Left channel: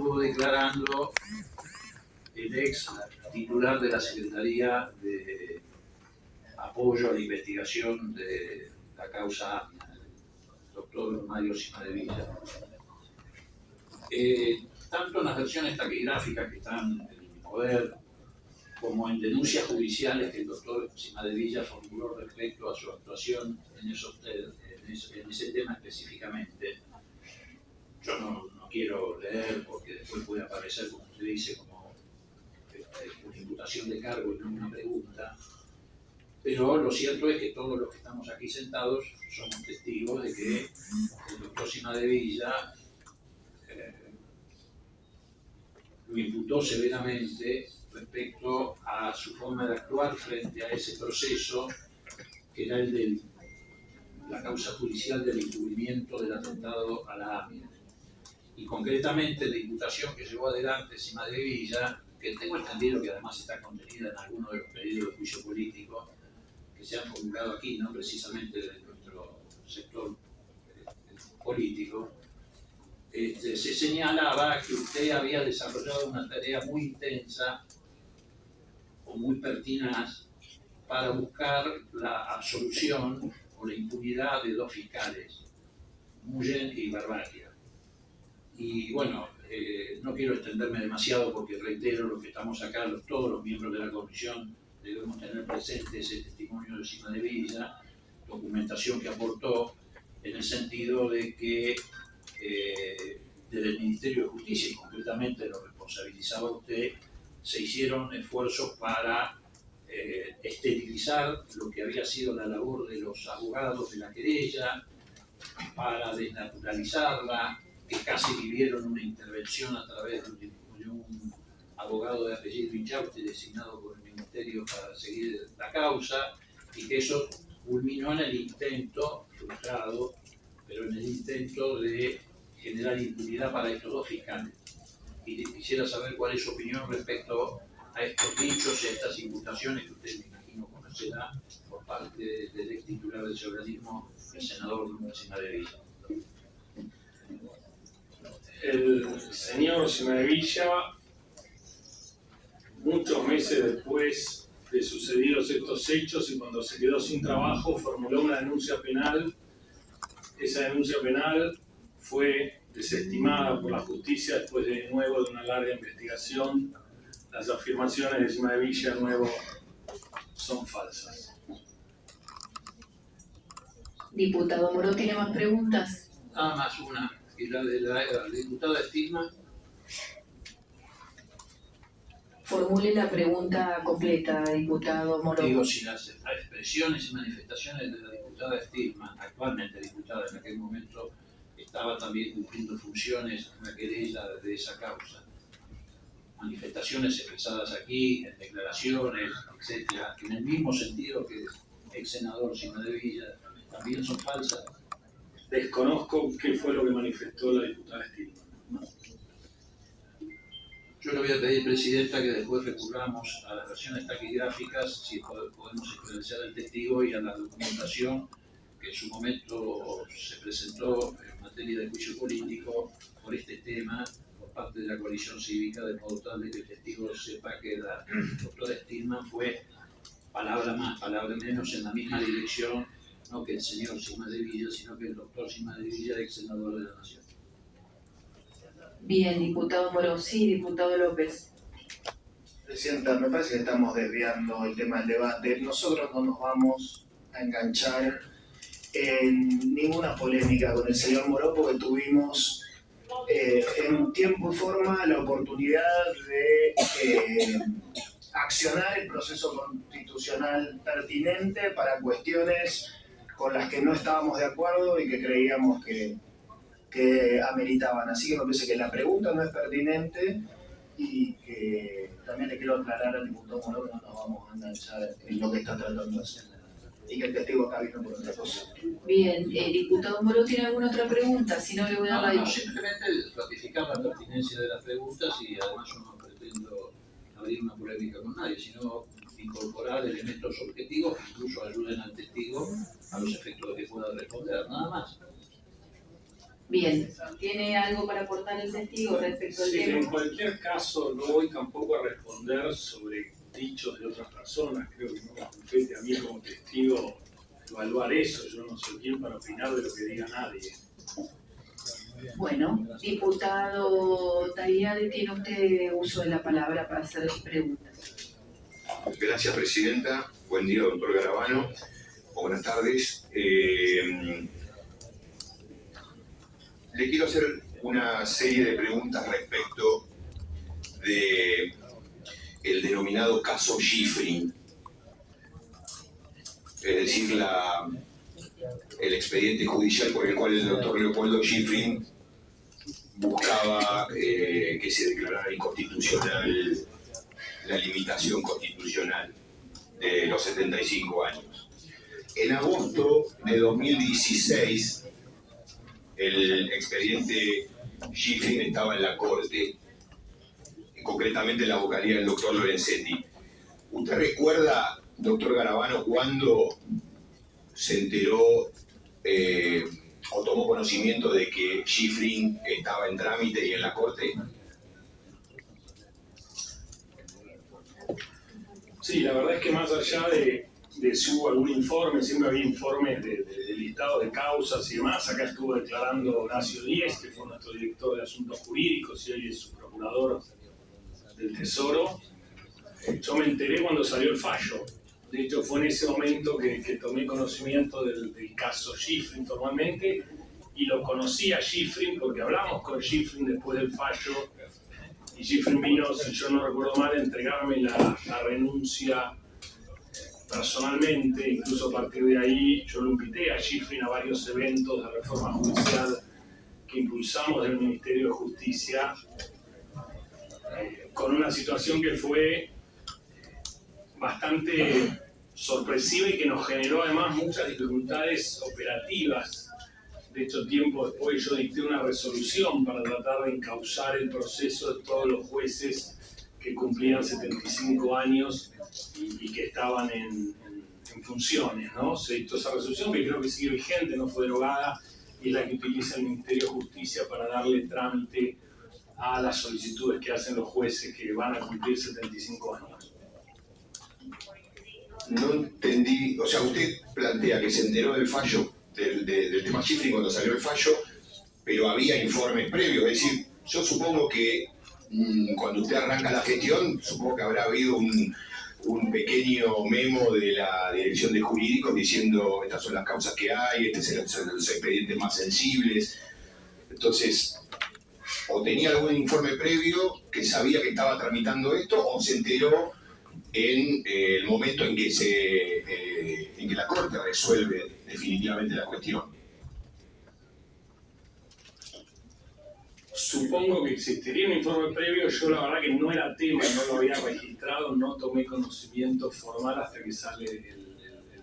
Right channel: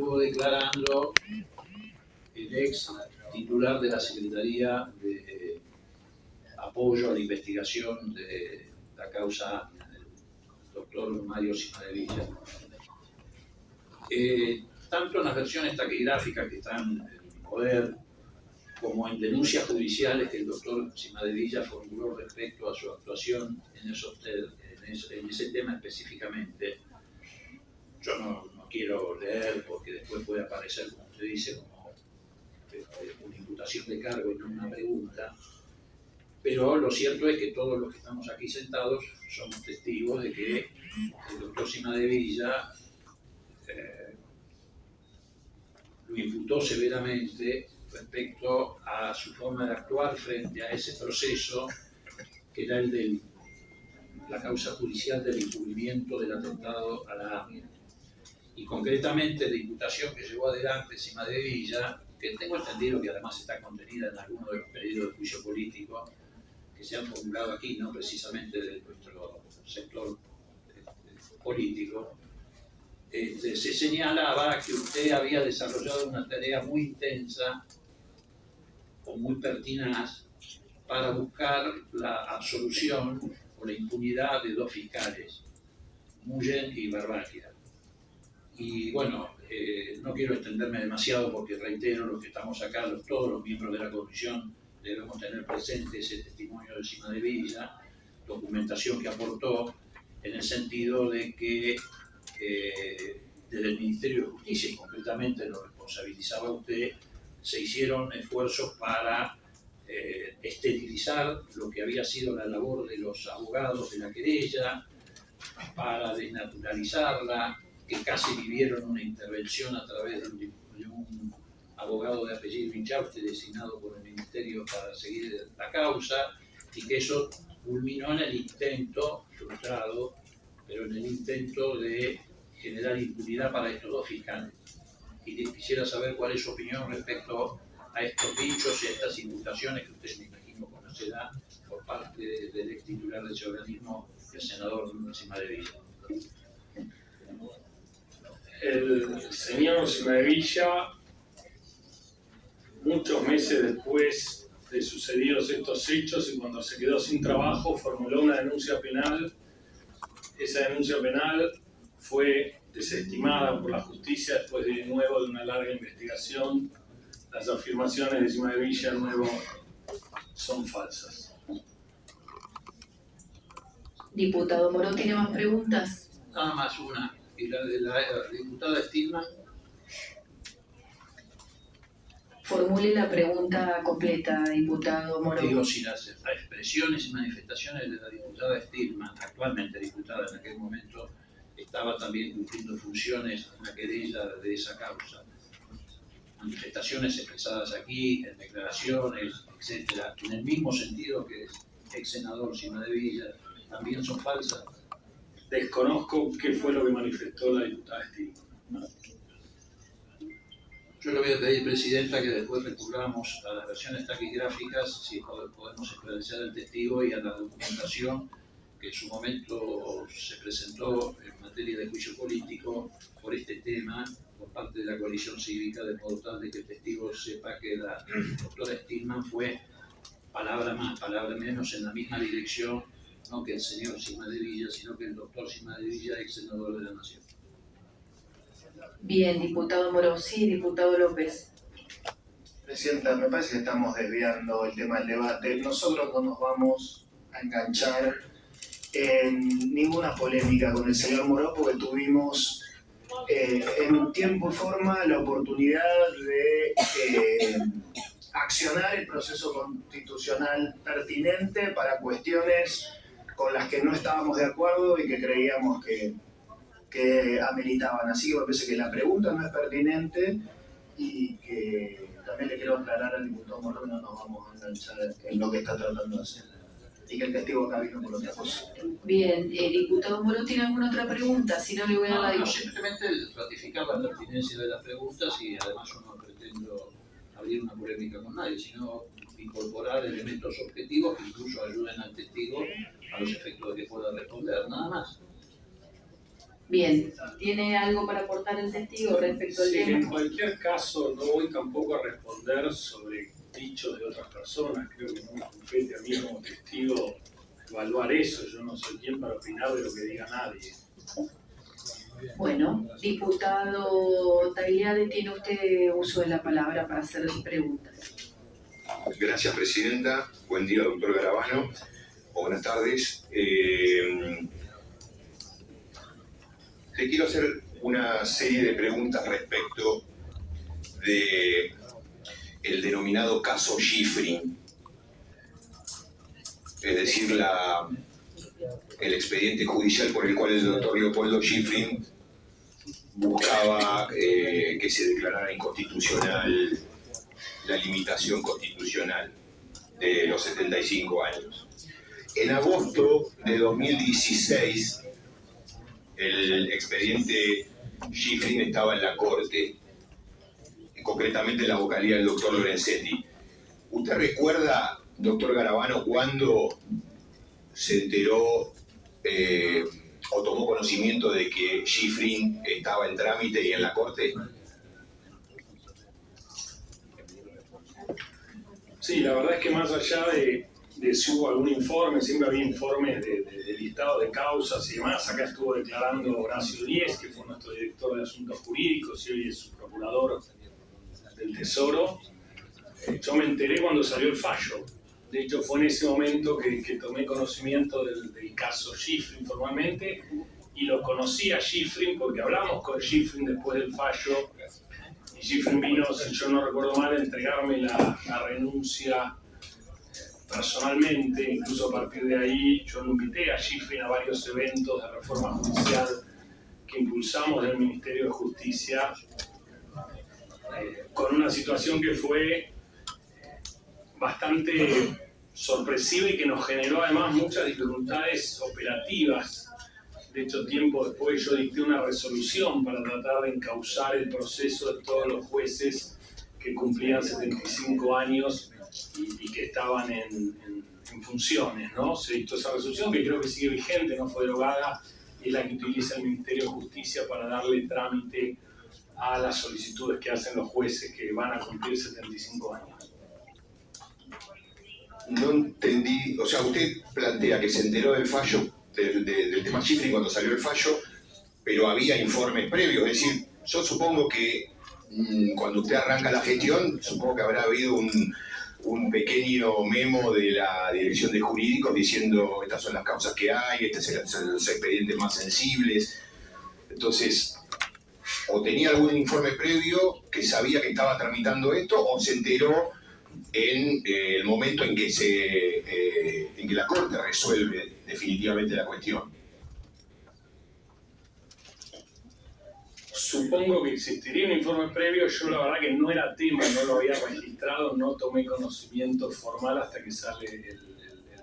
estuvo declarando el ex titular de la Secretaría de Apoyo a la Investigación de la causa AMIA, el doctor Mario Cimadevilla. Tanto en las versiones taquigráficas que están en mi poder, como en denuncias judiciales que el doctor Cimadevilla formuló respecto a su actuación en ese tema específicamente. Yo no quiero leer porque después puede aparecer, como usted dice, como una imputación de cargo y no una pregunta, pero lo cierto es que todos los que estamos aquí sentados somos testigos de que el doctor Cimadevilla lo imputó severamente respecto a su forma de actuar frente a ese proceso que era el de la causa judicial del encubrimiento del atentado a la AMIA. Y concretamente la imputación que llevó adelante Cimadevilla, que tengo entendido que además está contenida en algunos de los pedidos de juicio político que se han formulado aquí, no precisamente de nuestro sector político, se señalaba que usted había desarrollado una tarea muy intensa o muy pertinaz para buscar la absolución o la impunidad de dos fiscales, Mullen y Barbagia. Y bueno, no quiero extenderme demasiado porque reitero, los que estamos acá, todos los miembros de la comisión, debemos tener presente ese testimonio de Cimadevilla, documentación que aportó en el sentido de que desde el Ministerio de Justicia, y concretamente lo responsabilizaba usted, se hicieron esfuerzos para esterilizar lo que había sido la labor de los abogados de la querella, para desnaturalizarla, que casi vivieron una intervención a través de un abogado de apellido Inchauste designado por el Ministerio para seguir la causa, y que eso culminó en el intento, frustrado, pero en el intento de generar impunidad para estos dos fiscales. Y quisiera saber cuál es su opinión respecto a estos dichos y a estas imputaciones que usted, me imagino, conocerá por parte del ex titular de ese organismo, el senador Cimadevilla. El señor Cimadevilla, muchos meses después de sucedidos estos hechos y cuando se quedó sin trabajo, formuló una denuncia penal. Esa denuncia penal fue desestimada por la justicia después de nuevo de una larga investigación. Las afirmaciones de Cimadevilla de nuevo son falsas. Diputado Moró, ¿tiene más preguntas? Nada más una, y la de la diputada Stilman. Formule la pregunta completa, diputado Moró. Digo, si las expresiones y manifestaciones de la diputada Stilman, actualmente diputada, en aquel momento estaba también cumpliendo funciones en la querella de esa causa, manifestaciones expresadas aquí, en declaraciones, etcétera, en el mismo sentido que el senador Cimadevilla, también son falsas. Desconozco qué fue lo que manifestó la diputada Stilman. Yo le voy a pedir, Presidenta, que después recurramos a las versiones taquigráficas, si podemos esclarecer al testigo y a la documentación que en su momento se presentó en materia de juicio político por este tema por parte de la coalición cívica, de modo tal de que el testigo sepa que la doctora Stilman fue palabra más, palabra menos en la misma dirección, no que el señor Cimadevilla, sino que el doctor Cimadevilla, ex senador de la Nación. Bien, diputado Moró. Sí, diputado López. Presidenta, me parece que estamos desviando el tema del debate. Nosotros no nos vamos a enganchar en ninguna polémica con el señor Moró porque tuvimos en tiempo y forma la oportunidad de accionar el proceso constitucional pertinente para cuestiones con las que no estábamos de acuerdo y que creíamos que ameritaban. Así que me parece que la pregunta no es pertinente y que también le quiero aclarar al diputado Moró que no nos vamos a enganchar en lo que está tratando de hacer y que el testigo acá vino por otra cosa. Bien, diputado Moró, ¿tiene alguna otra pregunta? Si no, le voy a dar la simplemente ratificar la pertinencia de las preguntas y además yo no pretendo abrir una polémica con nadie, sino incorporar elementos objetivos que incluso ayuden al testigo a los efectos de que pueda responder, nada más. Bien, ¿tiene algo para aportar el testigo respecto al Sí, tema? en cualquier caso no voy tampoco a responder sobre dichos de otras personas. Creo que no me compete a mí como testigo evaluar eso. Yo no soy quien para opinar de lo que diga nadie. Bueno, diputado Tagliari, tiene usted uso de la palabra para hacer preguntas. Gracias, presidenta. Buen día, doctor Garabano. O buenas tardes. Le quiero hacer una serie de preguntas respecto de el denominado caso Schifrin, es decir, el expediente judicial por el cual el doctor Leopoldo Schifrin buscaba que se declarara inconstitucional la limitación constitucional de los 75 años. En agosto de 2016, el expediente Schifrin estaba en la Corte, concretamente en la vocalía del doctor Lorenzetti. ¿Usted recuerda, doctor Garabano, cuándo se enteró o tomó conocimiento de que Schifrin estaba en trámite y en la Corte? Sí, la verdad es que más allá de si hubo algún informe, siempre había informes de listado de causas y demás. Acá estuvo declarando Horacio Díez, que fue nuestro director de Asuntos Jurídicos y hoy es su procurador del Tesoro. Yo me enteré cuando salió el fallo. De hecho, fue en ese momento que tomé conocimiento del caso Schifrin formalmente, y lo conocí a Schifrin porque hablamos con Schifrin después del fallo, y Schifrin vino, si yo no recuerdo mal, a entregarme la renuncia personalmente. Incluso a partir de ahí yo lo invité a Schifrin a varios eventos de reforma judicial que impulsamos del Ministerio de Justicia, con una situación que fue bastante sorpresiva y que nos generó además muchas dificultades operativas. De hecho, tiempo después yo dicté una resolución para tratar de encauzar el proceso de todos los jueces que cumplían 75 años y que estaban en funciones, ¿no? Se dictó esa resolución que creo que sigue vigente, no fue derogada, y es la que utiliza el Ministerio de Justicia para darle trámite a las solicitudes que hacen los jueces que van a cumplir 75 años. No entendí, o sea, usted plantea que se enteró del fallo, del tema Schifrin cuando salió el fallo, pero había informes previos, es decir, yo supongo que cuando usted arranca la gestión, supongo que habrá habido un pequeño memo de la Dirección de Jurídicos diciendo estas son las causas que hay, estos son los expedientes más sensibles. Entonces, o tenía algún informe previo que sabía que estaba tramitando esto, o se enteró en el momento en que la Corte resuelve definitivamente la cuestión. Supongo que existiría un informe previo. Yo la verdad que no era tema, no lo había registrado, no tomé conocimiento formal hasta que sale el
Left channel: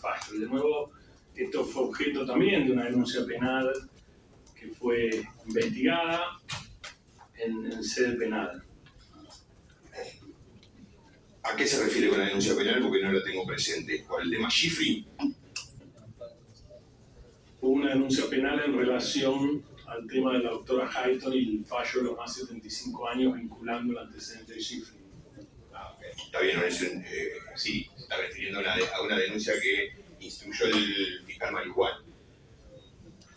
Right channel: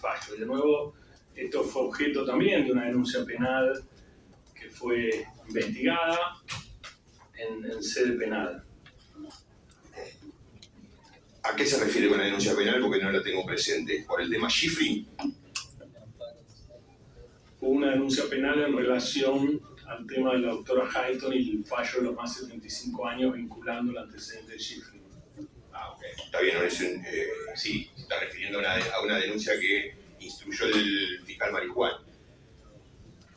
fallo. Y de nuevo, esto fue objeto también de una denuncia penal que fue investigada en sede penal. ¿A qué se refiere con la denuncia penal? Porque no la tengo presente. ¿Por el tema Schifrin? Hubo una denuncia penal en relación al tema de la doctora Hayton y el fallo de los más 75 años vinculando el antecedente de Schifrin. Ah, ok. Está bien, sí, se está refiriendo a una denuncia que instruyó el fiscal Marijuán.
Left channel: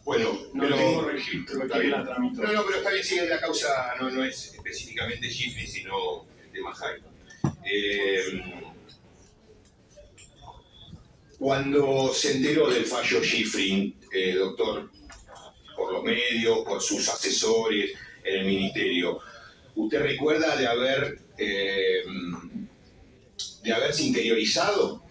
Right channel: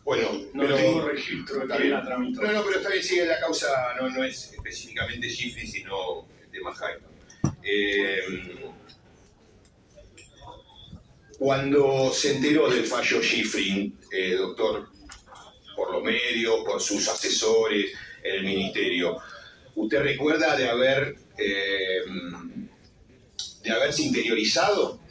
Bueno, no tengo registro de que la tramitó. No, pero está bien, sigue la causa, no es específicamente Schifrin, sino el tema Hayton. Cuando se enteró del fallo Schifrin, doctor, por los medios, por sus asesores en el ministerio, ¿usted recuerda de haberse interiorizado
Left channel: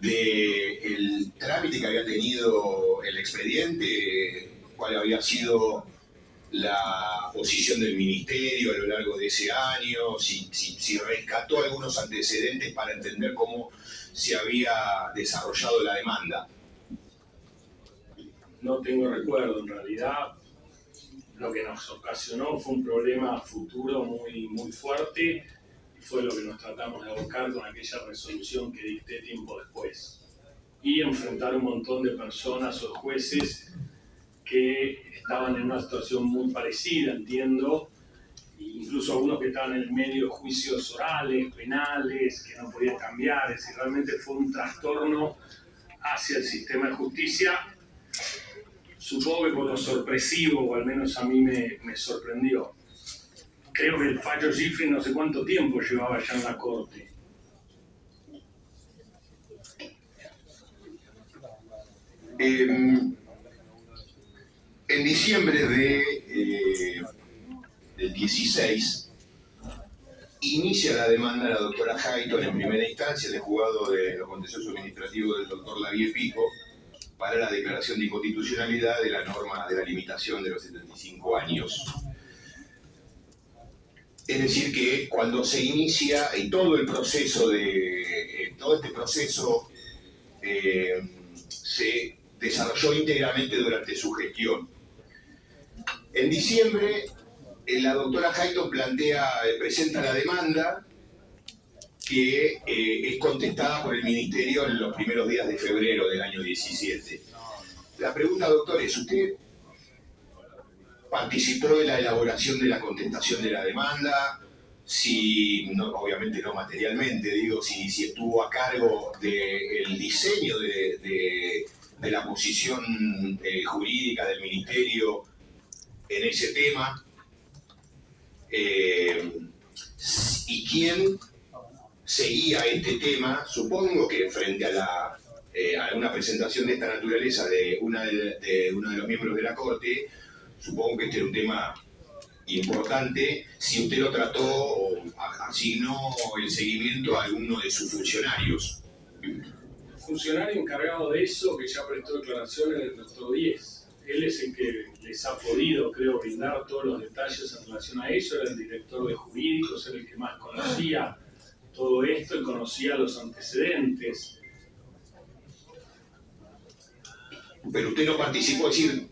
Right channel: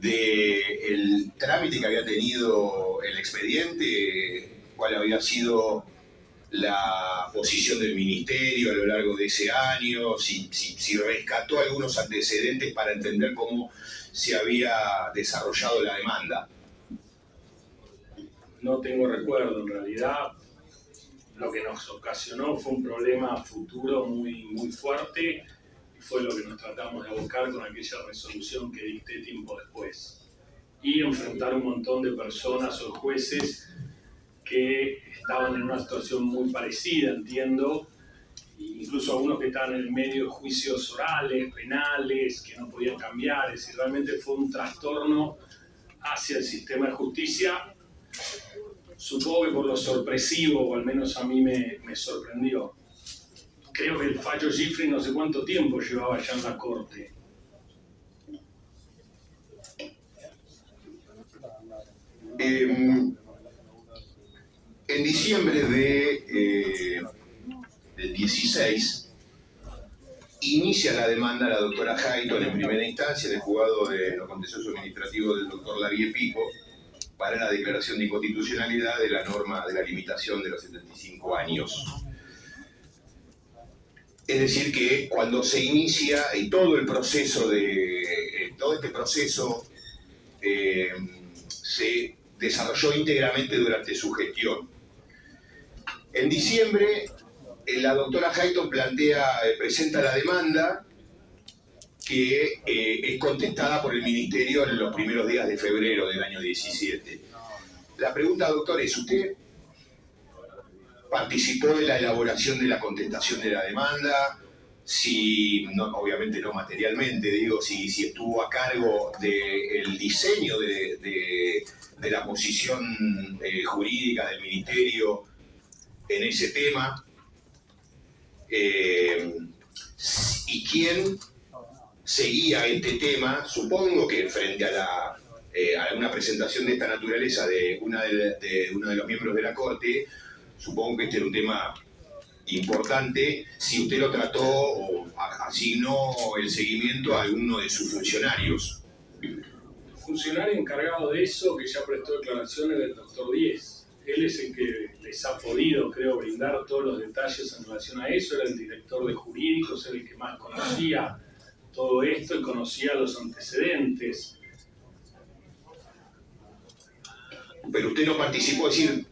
del trámite que había tenido el expediente? ¿Cuál había sido la posición del ministerio a lo largo de ese año? Si rescató algunos antecedentes para entender cómo se había desarrollado la demanda. No tengo recuerdo, en realidad lo que nos ocasionó fue un problema futuro muy, muy fuerte, y fue lo que nos tratamos de abocar con aquella resolución que dicté tiempo después. Y enfrentar un montón de personas o jueces que estaban en una situación muy parecida, entiendo, incluso algunos que estaban en el medio de juicios orales, penales, que no podían cambiar. Es decir, realmente fue un trastorno hacia el sistema de justicia. Supongo que por lo sorpresivo, o al menos a mí me sorprendió. Creo que el fallo Schifrin no sé cuánto tiempo llevaba ya en la corte. En diciembre del 16 inicia la demanda la doctora Hayton en primera instancia en el juzgado de los contenciosos administrativos del doctor Larie Pico para la declaración de inconstitucionalidad de la norma de la limitación de los 75 años. Es decir que cuando se inicia todo el proceso todo este proceso se desarrolló íntegramente durante su gestión. En diciembre, la doctora Hayton presenta la demanda que es contestada por el Ministerio en los primeros días de febrero del año 17. La pregunta, doctor, es: ¿usted participó de la elaboración de la contestación de la demanda? Si, no, obviamente no materialmente, digo, si estuvo a cargo del diseño de la posición jurídica del Ministerio en ese tema, y quién seguía este tema. Supongo que frente a alguna presentación de esta naturaleza de uno de los miembros de la Corte, supongo que este era un tema importante, si usted lo trató o asignó el seguimiento a alguno de sus funcionarios. El funcionario encargado de eso, que ya prestó declaraciones, del doctor Díez. Él es el que les ha podido, creo, brindar todos los detalles en relación a eso. Era el director de jurídicos, era el que más conocía todo esto y conocía los antecedentes. Pero usted no participó, es decir,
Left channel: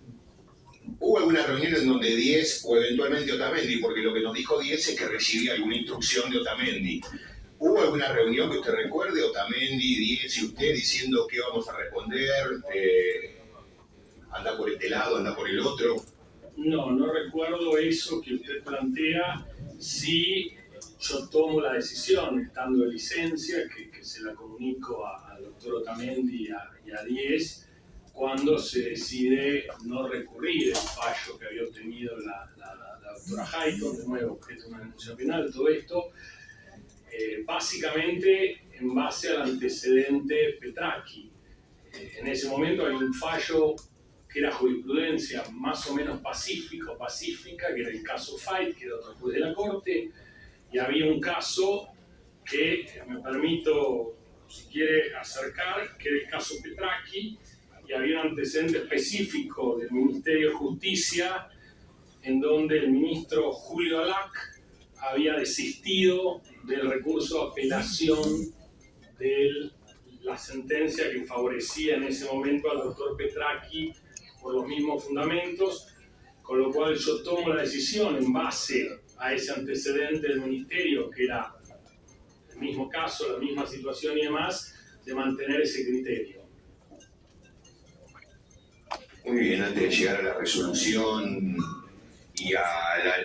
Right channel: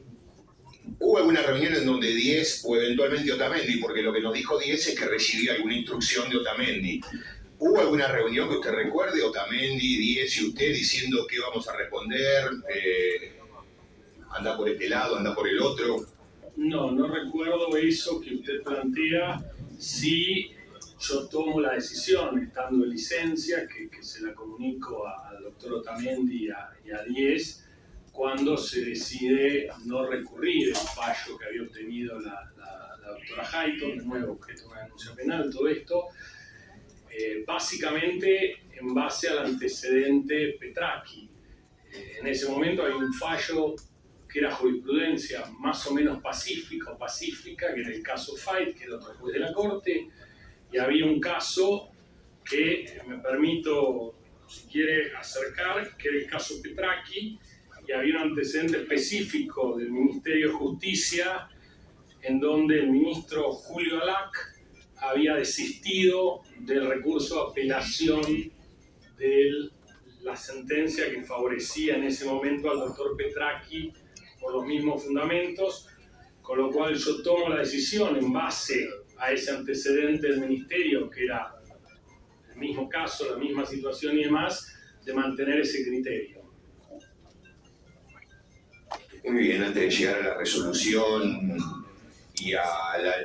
¿hubo alguna reunión en donde Díez o eventualmente Otamendi, porque lo que nos dijo Díez es que recibió alguna instrucción de Otamendi? ¿Hubo alguna reunión que usted recuerde, Otamendi, Díez y usted, diciendo qué vamos a responder? ¿Anda por este lado, anda por el otro? No recuerdo eso que usted plantea. Sí, yo tomo la decisión, estando de licencia, que se la comunico al doctor Otamendi y a Díez, cuando se decide no recurrir el fallo que había obtenido la doctora Hayton, de nuevo objeto de una denuncia penal, todo esto, básicamente en base al antecedente Petracchi. En ese momento hay un fallo que era jurisprudencia más o menos pacífica, que era el caso Fait, que era otro juez de la Corte, y había un caso que me permito, si quiere, acercar, que era el caso Petracchi, y había un antecedente específico del Ministerio de Justicia en donde el ministro Julio Alac había desistido del recurso de apelación de la sentencia que favorecía en ese momento al doctor Petracchi por los mismos fundamentos, con lo cual yo tomo la decisión en base a ese antecedente del ministerio, que era el mismo caso, la misma situación y demás, de mantener ese criterio. Muy bien, antes de llegar a la resolución y a la